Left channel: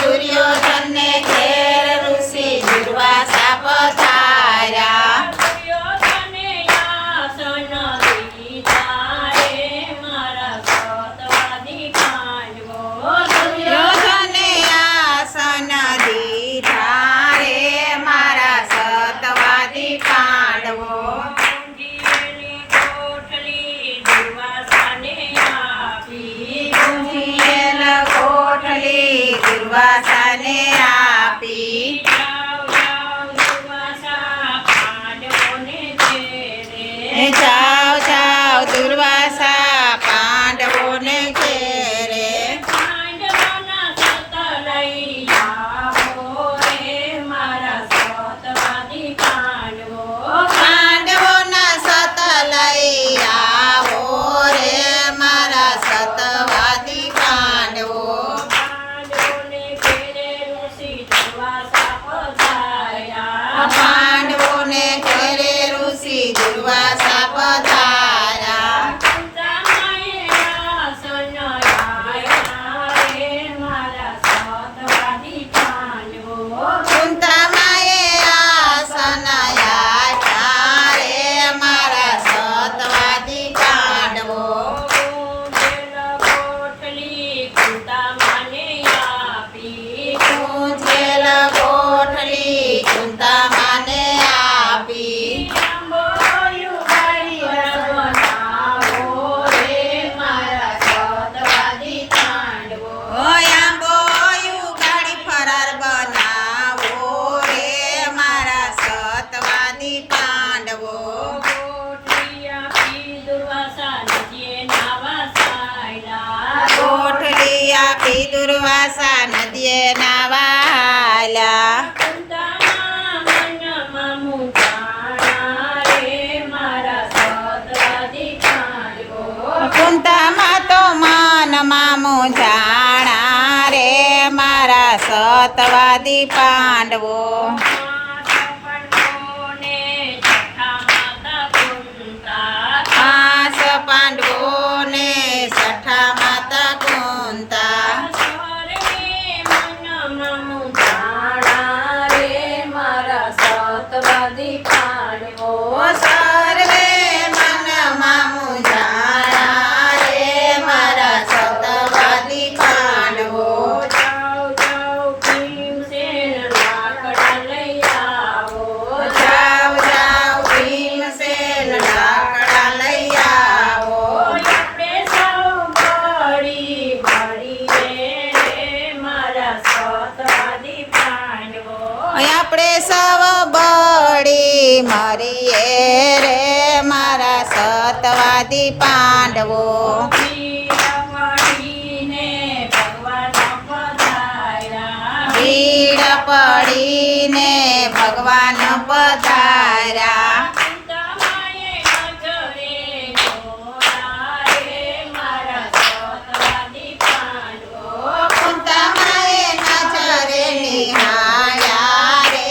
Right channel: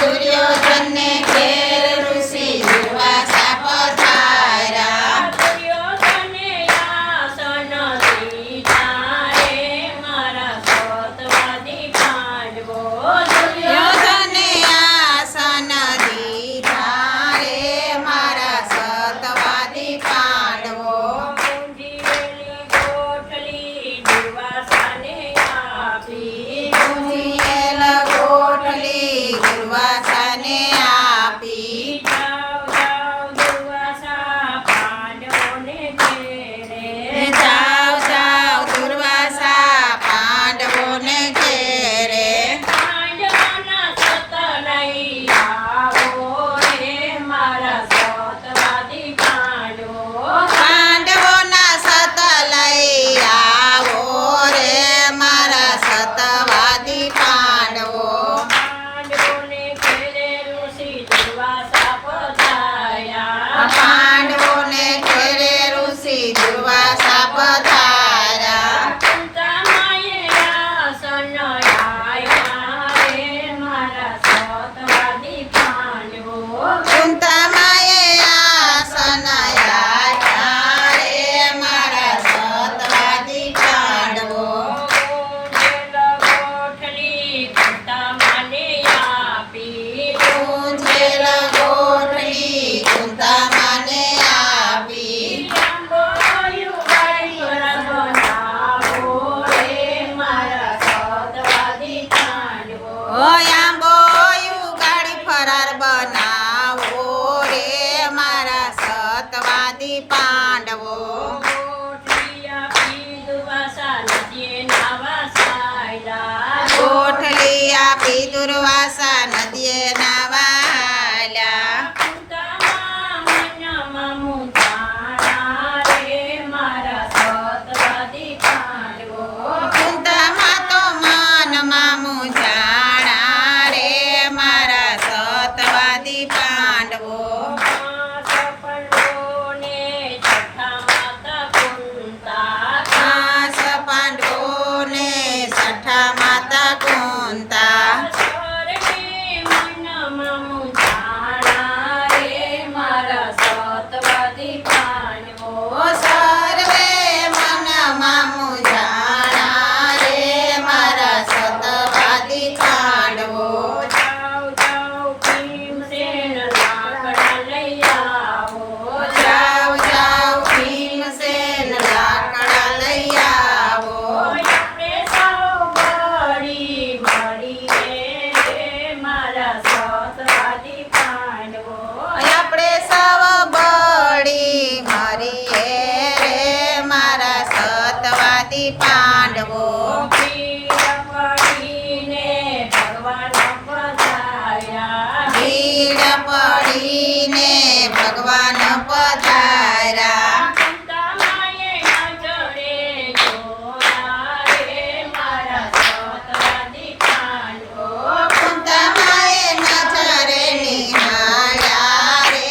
દુર્યોધન ને ઘેર ઋષિ દુર્વાસા પધાર્યા. દુર્યોધને આસન દીધા રે મારા સતવાદી પાંડવો. દુર્યોધને આસન દીધા રે મારા સતવાદી પાંડવો. ગુંજીએલી કોઠલી દુર્વાસાને આપી. ગુંજીએલ કોઠલી દુર્વાસાને આપી. જાઓ જાઓ દુર્વાસા પાંડવોને ઘેરે. જાઓ જાઓ દુર્વાસા પાંડવોને ઘેરે. પાંડવોના સત લઈ આવો રે મારા સતવાદી પાંડવો. પાંડવોના સત લઈ આવો રે મારા સતવાદી પાંડવો. પાંડવોને ઘેરે ઋષિ દુર્વાસા પધાર્યા. પાંડવોને ઘેરે ઋષિ દુર્વાસા પધાર્યા. કુંતામાએ આસન આપ્યા રે મારા સતવાદી પાંડવો. કુંતામાએ આસન આપ્યા રે મારા સતવાદી પાંડવો. ગુંજેલ કોઠલી કુંતામાને આપી. ગુંજેલ કોઠલી કુંતામાને આપી. આંબોયું બનાવો રે મારા સતવાદી પાંડવો. આંબોયું ગાડી ફરાર બનાવો રે મારા સતવાદી પાંડવો. કોઠલી આપી દુર્વાસા નદીએ નાવા સાયલા. કોઠલી આપી દુર્વાસા નદીએ નાવાલ્યા. કુંતામા મનમાં મૂંઝાણા રે મારા સતવાદી પાંડવો. કુંતામાં તો મનમાં મૂંઝાણા રે મારા સતવાદી પાંડવો. પાંચ પાંડવોને છઠ્ઠા માતા કુંતા. 5 પાંડવોને છઠ્ઠા માતા કુંતા. સર્વે મનમાં મૂંઝાણા રે મારા સતવાદી પાંડવો. સર્વે મનમાં મૂંઝાણા રે મારા સતવાદી પાંડવો. જાઓ જાઓ ભીમસેન લાકડા લઈ આવો. જાઓ જાઓ ભીમસેન લાકડા લઈ આવો. આપણે સૌ ભળી ભળીએ રે મારા સતવાદી પાંડવો. આપણે સૌ બળી મરીએ રે મારા સતવાદી પાંડવો. ભીડ પડીને ભગવાન પધાર્યા. ભીડ પડીને ભગવાન પધાર્યા. કુંતામાએ નજરે જોયા રે મારા સતવાદી પાંડવો. કુંતામાએ નજરે નિહાળ્યા રે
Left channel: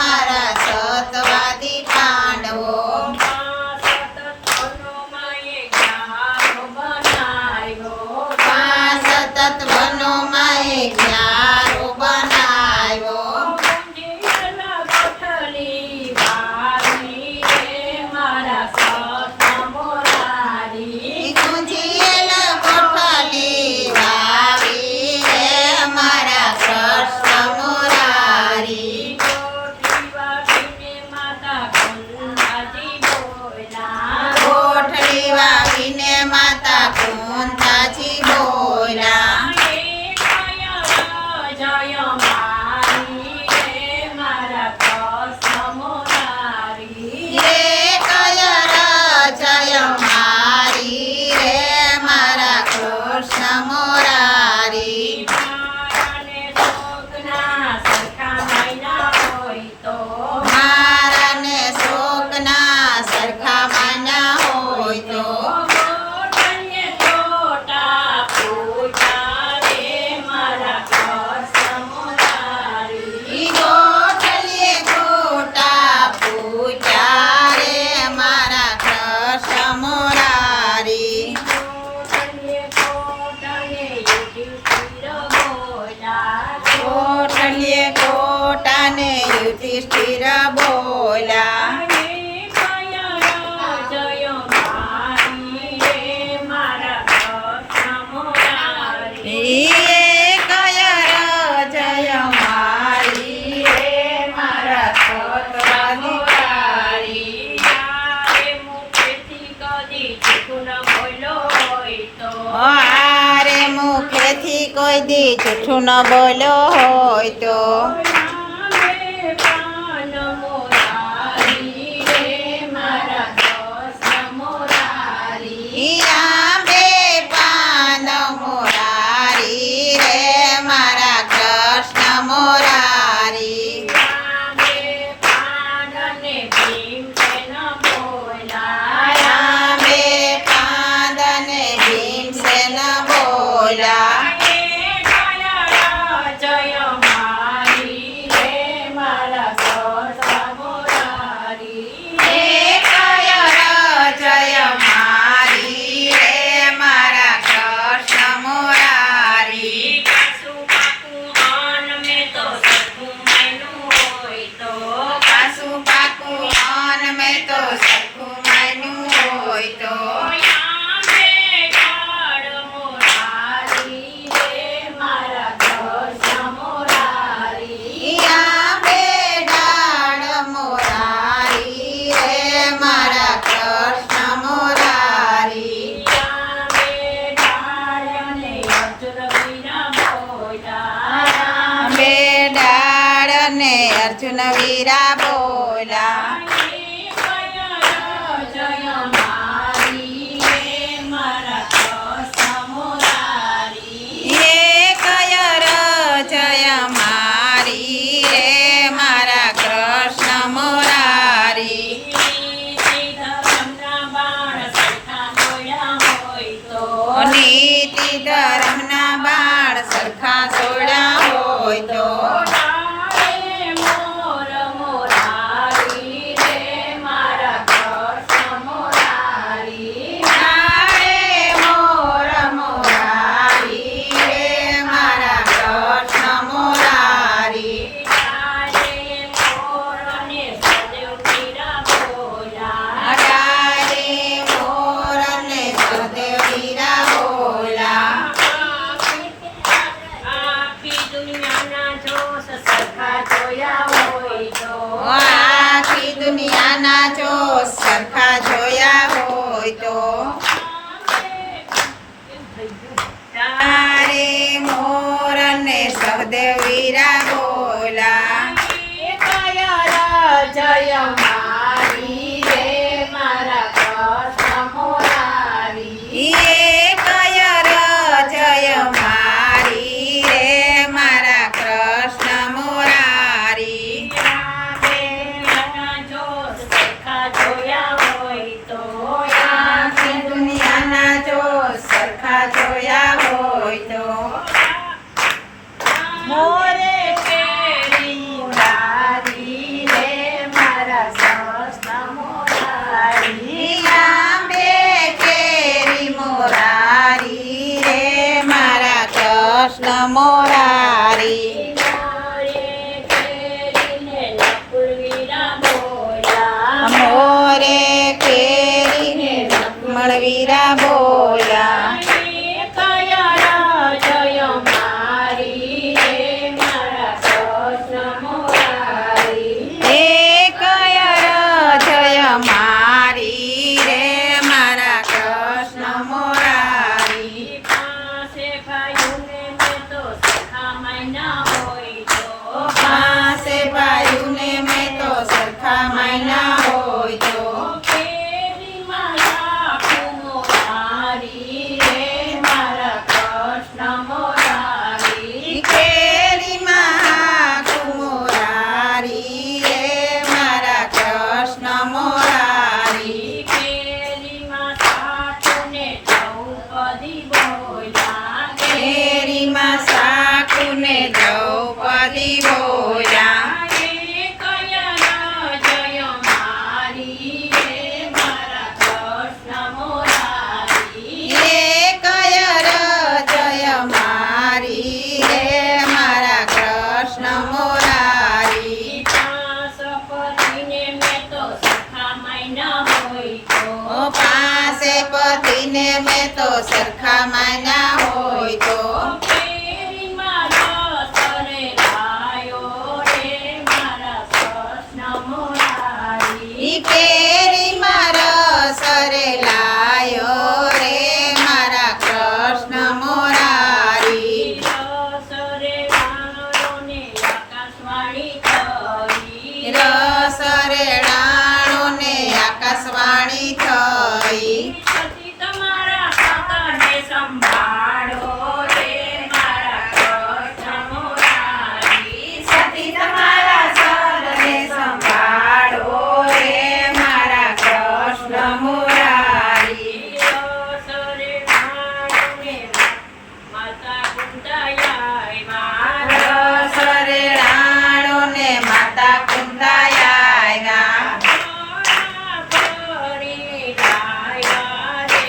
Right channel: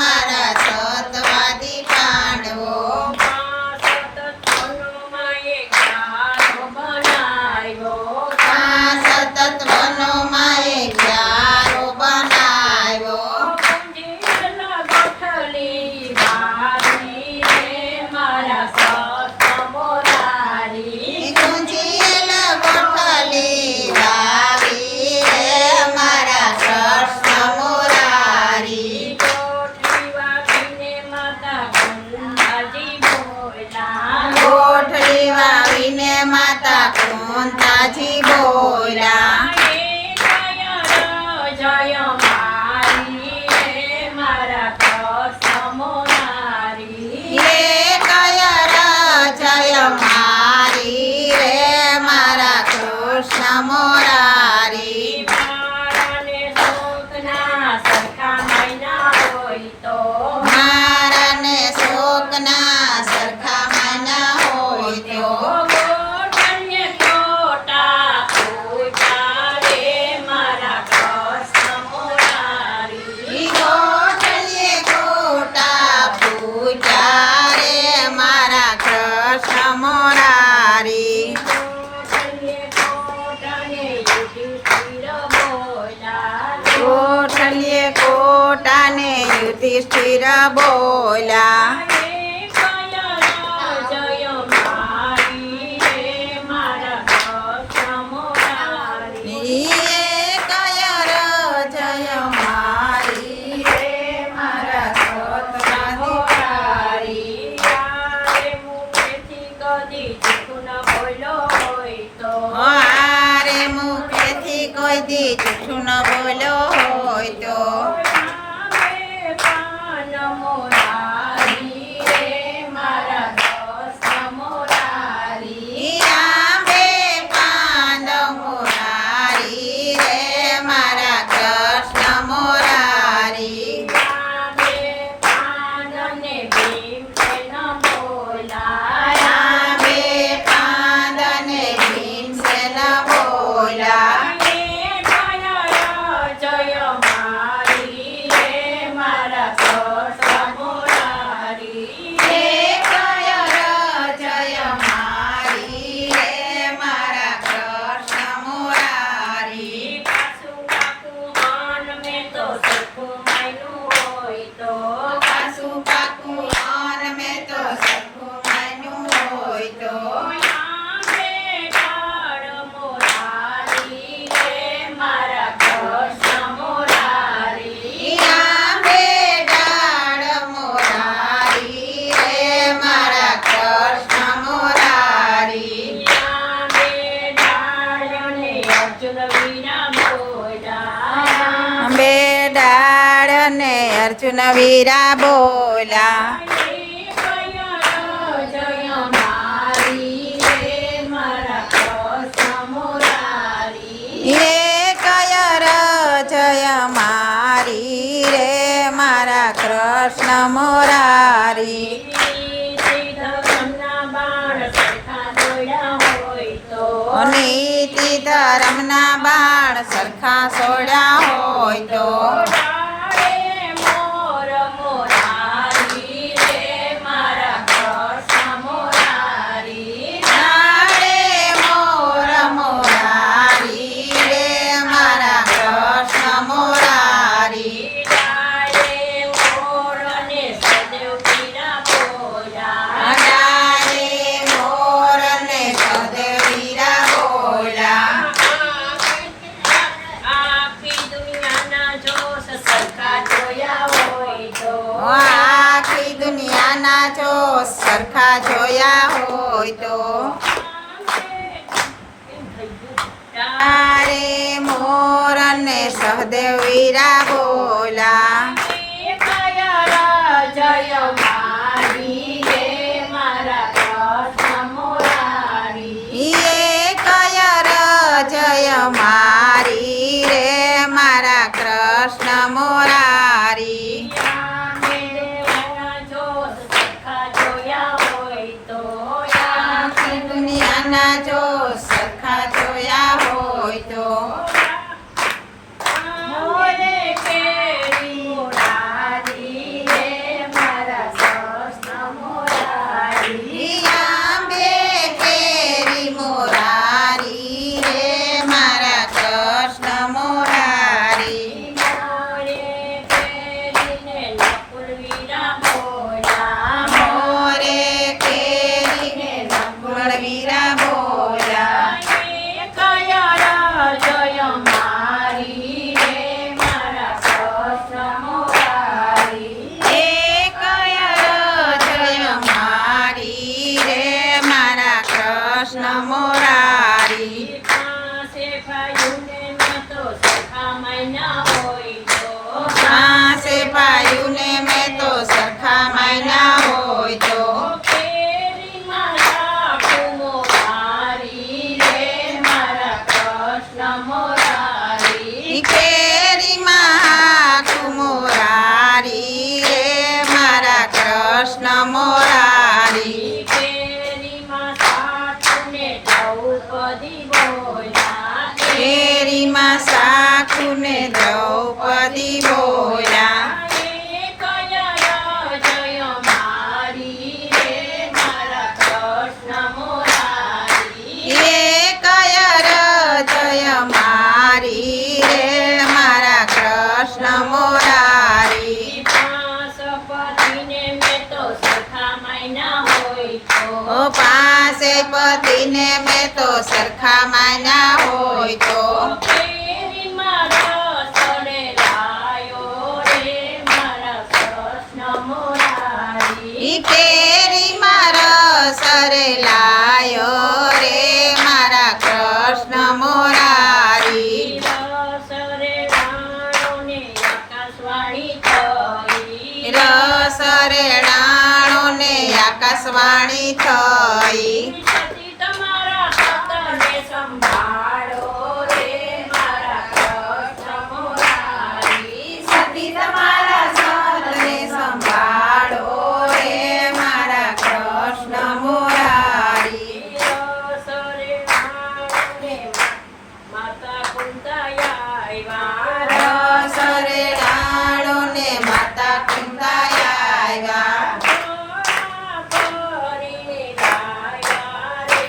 મારા સતવાદી પાંડવો. સતત વનોમાંએ જ્ઞાન બનાવ્યો. સતત વનોમાંએ ક્યારો બનાવ્યો. ગુંજીલ કોઠલી વાળી રે મારા સતમોરારી. ગુંજીએલ કોઠલી વાવી રે મારા કૃષ્ણ મોરારી. કોઠલી વાવીને માતા કુંતાજી બોલ્યા. કોઠલી વાવીને માતા કુંતાજી બોલ્યા. જય મારી રે મારા કૃષ્ણ મોરારી. રે કયર જય મારી રે મારા કૃષ્ણ મોરારી. મારાને શોકના સરખા મહિના હોય તો. મારાને શોકના સરખા માન્યા હોય તો. ગોઠણને ટોટા પૂછા રે મારા કૃષ્ણ મોરારી. ગોઠલીએ ગોટા પૂજા રે મારા કૃષ્ણ મોરારી. ગોઠણને ટોટાને યુધિષ્ઠિર બોલ્યા. છલીએ ખોટાને યુધિષ્ઠિર બોલ્યા કોઈ દી જૂઠું ન બોલ્યો હોય તો અર્જુન વીરા બોલા એ કયર જય મારી રે મારા કૃષ્ણ મોરારી નીતિ ધર્મના બાણ સરખા સોડા હોય તો આખી દુનિયાના જો સરખા જોયા હોય તો તારે મોર ને સહદેવ વીરા બોલા જય મારી રે મારા કૃષ્ણ મોરારી એ કયર જય મારી રે મારા કૃષ્ણ મોરારી દુનિયાના જો સરખા જોયા હોય તો મોરે કેરી મોરારી રે મારા કૃષ્ણ મોરારી આંબે કેરી મોરારી રે મારા કૃષ્ણ મોરારી મોરે કેરીને વીરા બોલ્યા જય મારી રે મારા કૃષ્ણ મોરારી એ કયર જય મારી રે મારા કૃષ્ણ મોરારી પાસે ભાઈઓને મેં તો સરખા માન્યા હોય તો કેરીમાં કુમોરારી રે મારા કૃષ્ણ મોરારી કેરીમાં સાકુને દ્રૌપદી બોલ્યા કૃષ્ણ માન્યા હોય તો કેરીમાં રસ રેલાયો રે મારા કૃષ્ણ મુરારી. ઈ કેરીમાં રસ રેલાયો રે મારા કૃષ્ણ મોરારી. રસ રેલાયો ને આકાશવાણી થઈ. રસ રેડાણો ને આકાશવાણી થઈ. સતી તમારા સતને સંભાળો રે મારા કૃષ્ણ મુરારી. સતી તમારા સતને સંભાળો રે મારા કૃષ્ણ મોરારી. રસ રેલાયો ને માતા કુંતાયા આવ્યા. રસ રેડાણો ને માતા કુંતાયા આવ્યા. ફરી જાય રે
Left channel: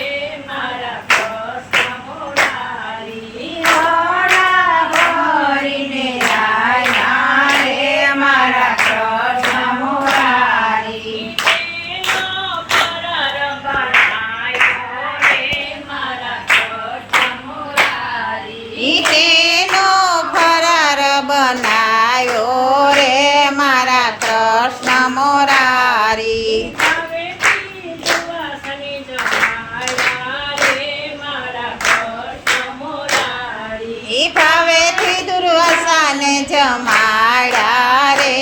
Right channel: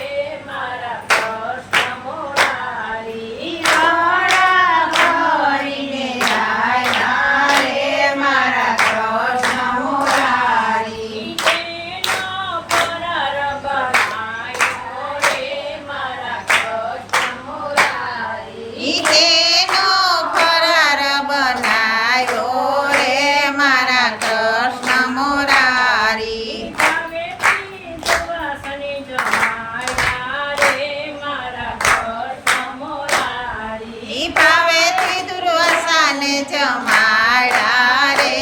મારા કૃષ્ણ મુરારી. ઘોડા ભરીને આવ્યા રે મારા કૃષ્ણ મોરારી. તેનો ફરાર બનાવ્યો રે મારા કૃષ્ણ મુરારી. ઈ તેનો ફરાર બનાયો રે મારા કૃષ્ણ મોરારી. હવે પીધવાસની જમાયા રે મારા કૃષ્ણ મુરારી. ઈ ભાવેથી દુર્વાસાને જમાડ્યા રે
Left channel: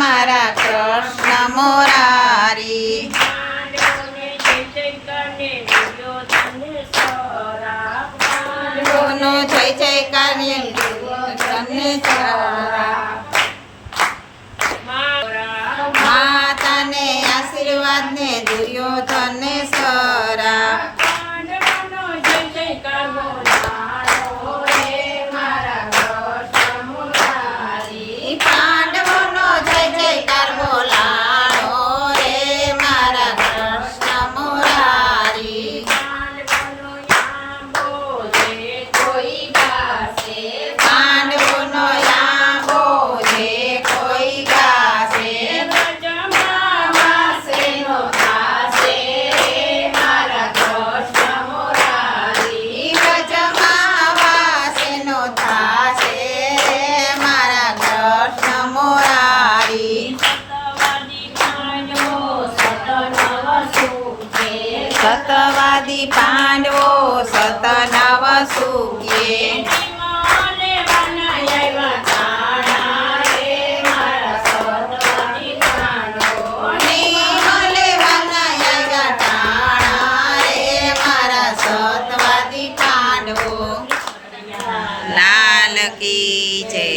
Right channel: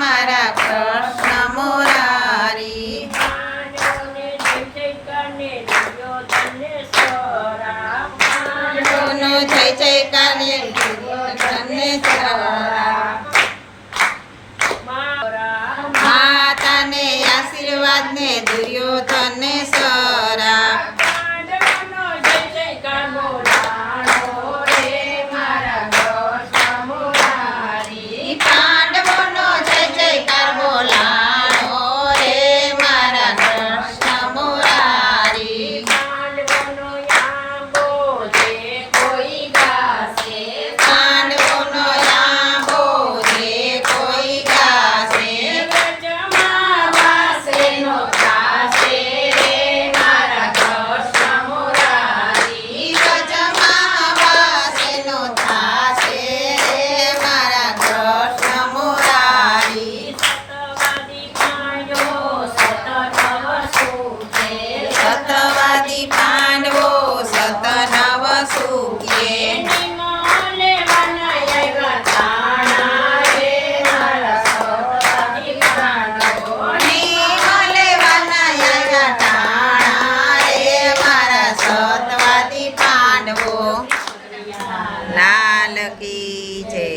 મારા કૃષ્ણ મોરારી. પાંડવોને જય જય કરીને દુર્યોધનને સરા. નો જય જયકાર ને તમને ચારા. માતાને આશીર્વાદ ને દુર્યોધનને સરા. પાંડવોનો જય જયકાર બોલાવો રે મારા કૃષ્ણ મુરારી. ઈ પાંડવોનો જય જયકાર બોલાણો રે મારા કૃષ્ણ મોરારી. પાંડવોનો આંબો જે કોઈ ગાશે. પાંડવોનો આંબો જે કોઈ ગાશે. રજમાં વાસેનો થાશે રે મારા કૃષ્ણ મુરારી. ઈ વ્રજમાં વાસેનો થાશે રે મારા કૃષ્ણ મોરારી. સતવાદી પાંડવો સતનવ સુખે. સતવાદી પાંડવો સતનવ સુખે. નિમોને મનાયા તાણા રે મારા સતવાદી પાંડવો. નિમલે વનાયા ટાણા રે મારા સતવાદી પાંડવો. લાલ કી જય.